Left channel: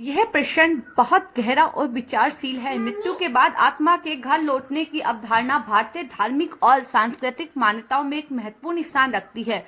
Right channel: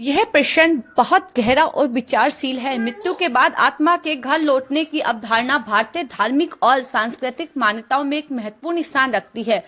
यह प्रश्न बहुत गहरा और विचारशील है। मृत्यु के बाद आत्मा के घर लौटने की अवधारणा भारतीय धार्मिक और सांस्कृतिक मान्यताओं में एक महत्वपूर्ण स्थान रखती है।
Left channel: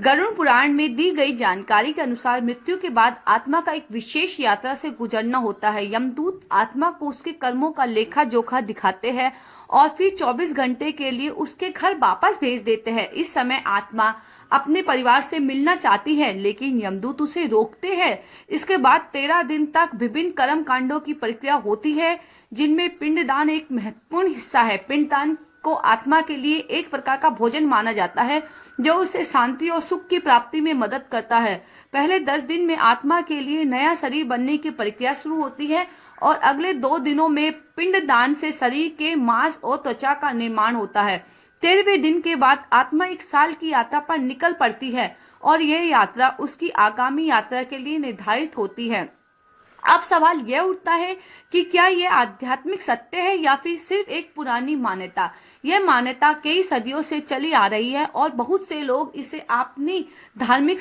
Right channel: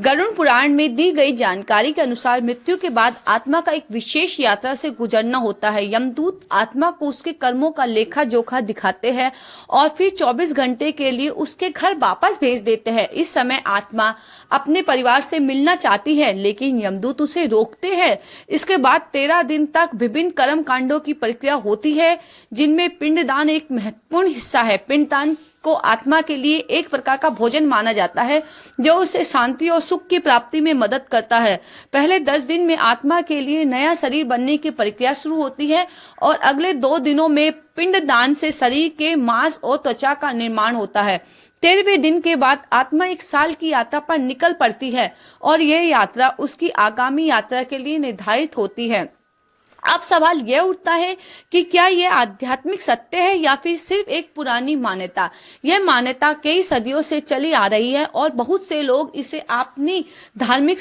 गरुड़ पुराण में दी गई जानकारी के अनुसार मृत्यु के बाद आत्मा का एक विशेष यात्रा से गुजरना होता है। यमदूत आत्मा को उसके कर्मों का लेखा जोखा दिखाते हैं और फिर 24 घंटे के लिए उसके घर वापस भेज देते हैं। इस समय आत्मा अपने परिवार से मिलना चाहती है, लेकिन यमदूत उसे रोकते हैं। इसके बाद 13 दिन तक विभिन्न कर्म कांडों की प्रक्रिया होती है, जिनमें पिंडदान एक महत्वपूर्ण हिस्सा है। पिंडदान को आत्मा के लिए एक प्रकार का भोजन माना जाता है, जो उसे शांति और सुख की प्राप्ति में मदद करता है। पहले 10 दिन में आत्मा के लिए नया शरीर बनने की प्रक्रिया शुरू होती है और अगले 2 दिनों में पिंडदान से शरीर के मांस और त्वचा का निर्माण होता है। 13वें दिन के बाद आत्मा एक साल की यात्रा पर निकल पड़ती है और यह यात्रा उसकी आगामी यात्रा के लिए निर्धारित होती है। अब सवाल यह उठता है कि क्या यह आध्यात्मिक सत्य है या फिर सिर्फ एक पुरानी मान्यता। यह मान्यता कई सदियों से चली आ रही है और बहुत से लोग इसे अपनी धार्मिक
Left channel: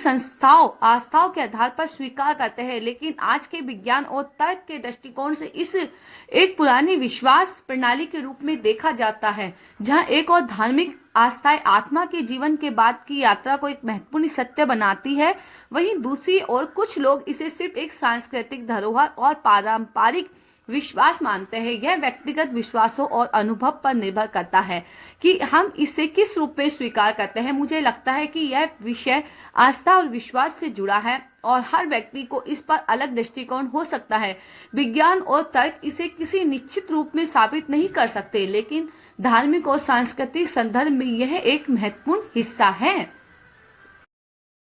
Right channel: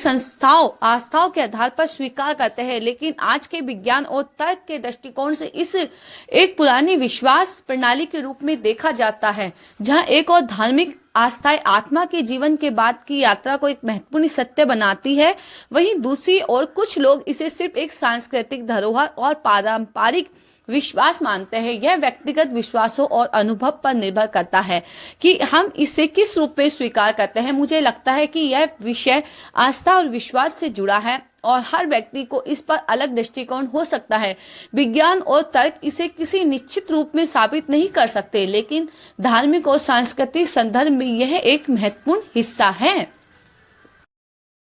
आस्थाओं के आधार पर स्वीकार करते हैं, लेकिन आज के विज्ञान और तर्क के दृष्टिकोण से इस एक पुरानी विश्वास प्रणाली के रूप में देखा जाता है, जहां एक और धार्मिक आस्थाएं आत्मा के जीवन के बाद की यात्रा को एक महत्वपूर्ण सत्य बनाती है। वहीं दूसरी ओर कुछ लोग इसे सिर्फ एक सांस्कृतिक धरोहर और पारंपरिक विश्वास मानते हैं। यह व्यक्तिगत विश्वासों और अनुभव पर निर्भर करता है कि हम इसे किस रूप में स्वीकार करते हैं। मुझे लगता है कि यह विषय आस्था और विश्वास से जुड़ा है और हर व्यक्ति को इस पर अलग दृष्टिकोण हो सकता है। विज्ञान और तर्क इसे किसी निश्चित रूप में साबित नहीं कर सकते, लेकिन धार्मिक और सांस्कृतिक संदर्भ में यह एक महत्वपूर्ण हिस्सा है।